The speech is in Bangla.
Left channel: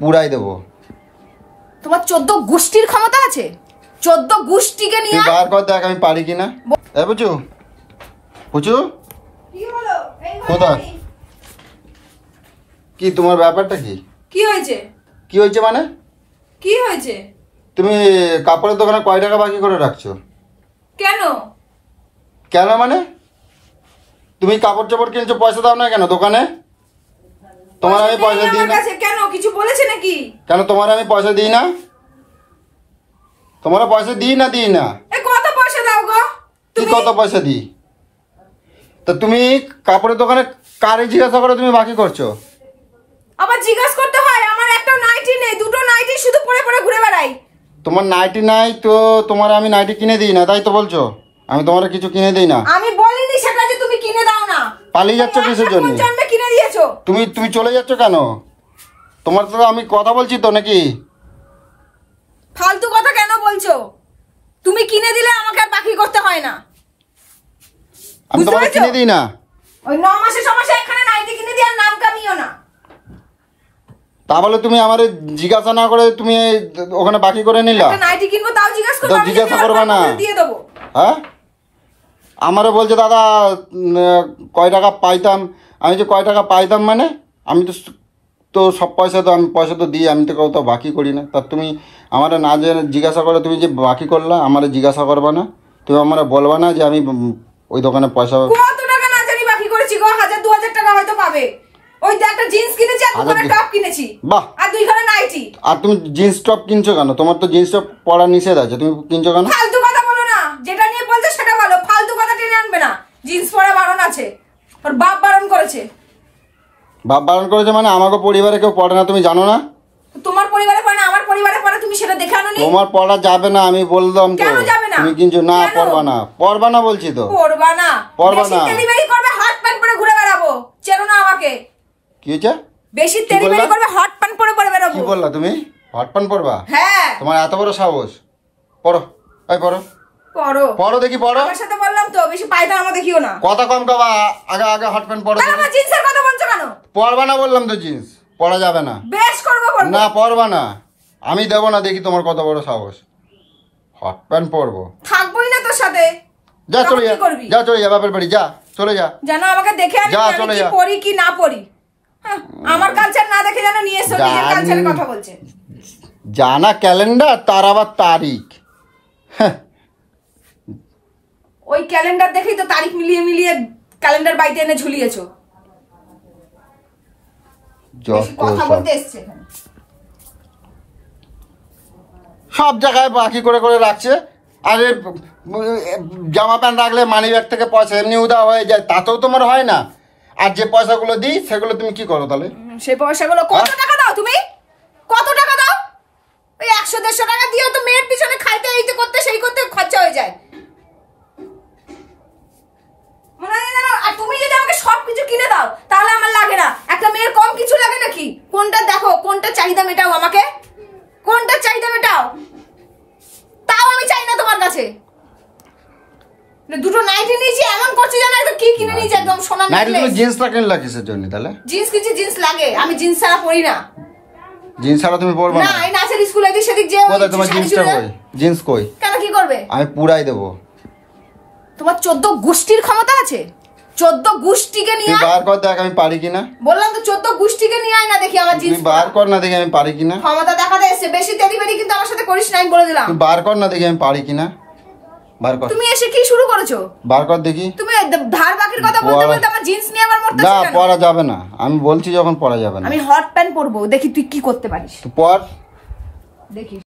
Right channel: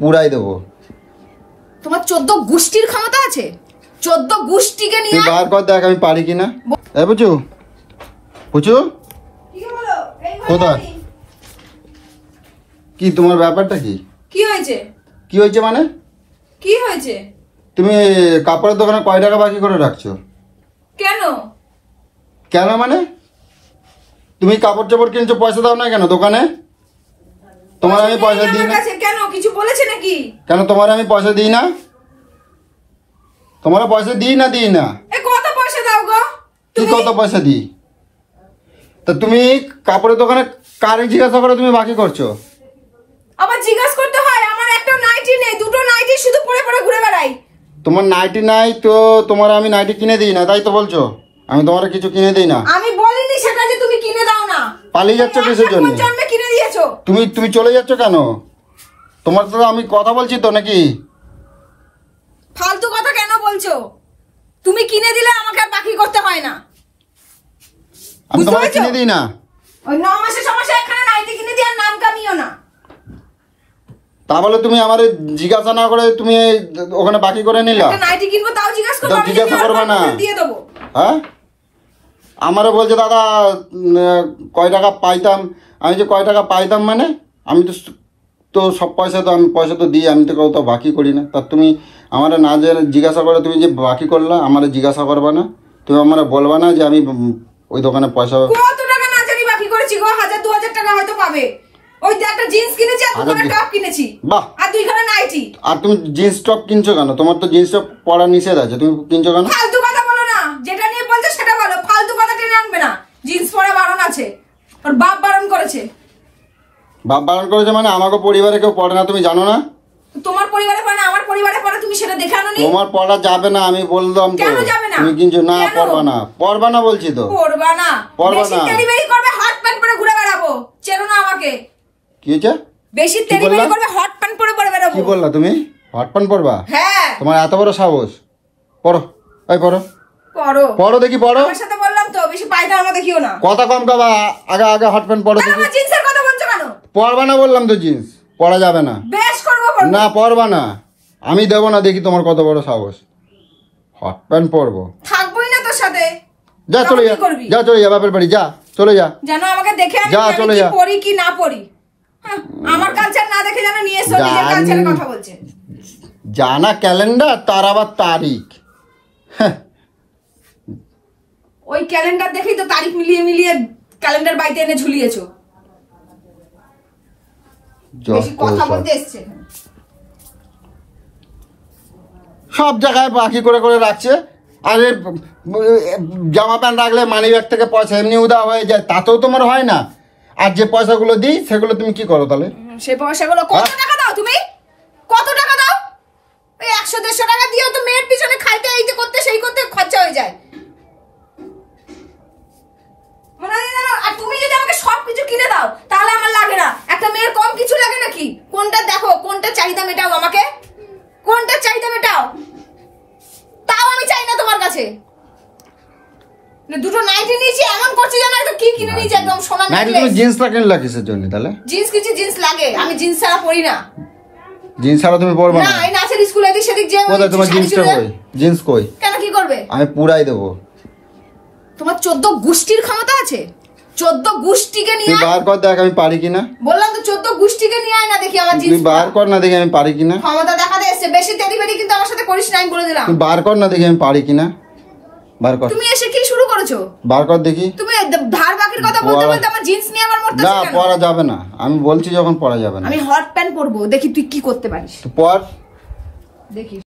পুরাই দেবো। তোমার 14 গোষ্ঠীর ক্ষমতা আছে? 14 গোষ্ঠীকে নিয়ে বার কর, দেখ আমি পারি কিনা। এ বুঝু বুঝু কোথায় কি তোমার ব্যাপারটা কি? কি হয়েছে? কি হয়েছে মানে? কি হয়েছে? তুমি কাপড়ের দোকানে কয় টাকা বাকি করে রাখছো? কেন কেন মানে? তুমি কাপড় চাপড় কিনছো, পয়সা দাও না কেন দোকানে? তোমার আমি পয়সা দিই না কেন? কিছু বলেছে নাকি? কেন তোমার আমি পয়সা দিই না? তোমার পয়সা দিই না কত পয়সা দাও গো? কি কত পয়সা দিই? তা তুমি কাপড়ের দোকানে কারে জিজ্ঞাসা করে তুমি বাকি করছো? আবার জিজ্ঞাসা করতে হয়? আমার একটা নাইটি নেই, দুটো নাইটি শুধু পরে পরে ঘুরে বেড়াই। তোমার নাইটি নাই তো তোমার আমি নাইটি কিনে দিই না, তাই তো বলছো? আমি তোমার কিছু কিনে দিই না। আমি বলিনি সেটা যে তুমি কিনে দাও না। পালিয়ে যাচ্ছ কিসের জন্য? কিনে দিয়েছো। তুমি চলে যাচ্ছ কেন? তোমার তো আমি কথা বলছি তো নাকি? ফালতু কথা কেন বলছো? তুমি কিনে দিলে আমাকে আর বাকি করতে হয় না। আমি তোমাকে কিনে দিই না। ওই 9 মাসের সমস্যা এখানে নাইটি কিনে দিয়ে আর নাম কামিও না। তা বলে তুমি আমার জিজ্ঞাসা না করে তুমি ওখানে বাকি করে নিলা? নাইটি কিনবো তাও জিজ্ঞাসা করবে না? দিয়ে দেবো। হ্যাঁ, আমারও বলছে দাদা কয় টাকা পাইতাম। আমি যে কয় টাকা পাইতাম মানে আমি তো সব পয়সা তো আমি পয়সা তো দিই, আমি তো কোথাও বাকি করি না। তা তুমি আমার না যে জিজ্ঞাসা করে তুমি যে বাকি করলা, আমার জিজ্ঞাসা করবা না? তুমি আমার বলবা না যে আমি ওই দোকানে পয়সা কত টাকা না জানি বাকি করেছি গো? 1000-2000 টাকা হয়তো পাবে। ওই একটা জিন্স কিনেছি আর দুটো টপ কিনেছি। বাহ, আর 2 খানা নাইটি। আর তুমি জিন্স টপ কিনছো কেন? তোমার তো জিন্স টপ পরা নিষেধ আছে, তুমি কিনছো কেন? ফালতু কথা বলো না। যেটা নিয়ে বলছো সেটা ভালো, ফালতু কথা টেনে আনবে না। জিন্স পরা বারণ আছে, ওর বাপ বারণ করেছে। বাপ বারণ করেছে মানে? আমাকে পরিবারে কেউ পড়ে না, তুমি জানো না? তোমার পরিবারে পড়ে না, আমার পরিবারে পড়ে, তুমি সেটা দেখে আনোনি? তোমার পড়া যাবে না, আমি বললাম তো। কেন যাবে না? তুমি কিনছো না? পড়বা না বলছি তো। পড়বা না? বেশি তেলিবেলি করবে, হট প্যান্ট পরে ঘুরে বেড়াবো। চেনো না আমাকে? কি হয়েছে? বেশি তেলিবেলি করবে, হট প্যান্ট পরে পরে বেড়াবো। কি বললা তুমি? হট প্যান্ট পরবা? হ্যাঁ। তোমার এত বড় সাহস? পড়ো, এই পড়ো পড়ো দেখি, পড়ো। আমার সাথে বললাম তো, বেশি পায়দামা দেখিও না। কথা কম কবা, আগে হট প্যান্ট পরো দেখি। আমার জিন্সের কথা বলছো কেন? পরবা না বললাম তো, জিন্স পরা যাবে না। বেশ করবো না, পরবা না, আমি দেবো না। দেখি তোমার কত বড় সাহস। হট প্যান্ট পরবো? থাকবোই না তোর সাথে। যা চলে যা বাপের বাড়ি, যা চলে যা। যেন আমাকে দেখে যা চলে যা, পরি কি না পরি। আমার কালচার না দেখে যেন নিয়ে এসে নিজের কালচারের কথা বলছে। জানা ক্যালেন্ডার, তার আবার তারিখ। ওই ক্যালেন্ডার দেখেই তো তারিখ মিলিয়ে মিলিয়ে ক্যালেন্ডার বাড়িতে এনে ঝুলিয়েছো। কথা বলতে এসছে সব জায়গায় বাকি করে করে রাখছে। আর জামা প্যান্ট রাখলে মানি ব্যাগ থেকে পয়সা এমনি উদা হয়ে যায়, তাতেও তোমার হয় না। আর যে পয়সাগুলো দিই সেগুলো তুমি কি করো তাহলে? সেই পয়সাগুলো কত টাকা দাও তুমি? কত টাকা দাও? ওই 100-150 টাকা দিয়েও তো মেয়ের পিছনে খাইতে এই যে করতে সেই করতে খরচা হয়ে যায়। আর তুমি যদি আমাকে সবকিছু কিনে দাও তাহলে আমার লাগে না। একটা মেয়ের কম কিছু লাগে নাকি? কোনটা দেখো, কোনটা চাহিদা মেটাও আমাকে, কোনটা চাহিদা মেটাও। তাও আমি চাই না তোমার কাছে। দুটো নাইটি নিয়েছি, এমন করছি জানো তো কি কিনে নিয়েছি, একদম সোনা নেকলেস। তুমি জিন্সটা কিনলা কিসের জন্য তাহলে? জিন্স লাগে, আমি জিন্স ছাড়া পরি না। জিন্স ছাড়া তুমি পরবা না? না, এই নাচের স্কুলে এদিক সেদিক যে। কোথায় তোমার জিন্সটা? কই জিন্স? কই? কেন, কি করবে? আমি পুরাই দেবো। তোমার 14 গোষ্ঠীর ক্ষমতা আছে? 14 গোষ্ঠীকে নিয়ে বার কর, দেখ আমি পারি কিনা। বললাম তো 14 গোষ্ঠীকে নিয়ে আয় না দেখি আমার জিন্স। তুই বার কর না দেখি আমি পারি কিনা। ক্ষমতা দেখাতে এসে বেশি তেলিবেলি কিন্তু আমার সাথে করিস না, আমি বলে দিলাম। তুই বার কর না দেখি আমি পারি কিনা। বার কর। তুমি এসে কি শুরু করেছো? বার কর দেখি। তুমি ধার বাকির কথা বলতে বলতে আমার জিন্স নিয়ে আবার মরতেছ না, পরা যাবে না, আমি বলছি যখন পরা যাবে না। আমি হট প্যান্ট পরবো, দেখি তুই কি করতে পারিস। পর দেখি।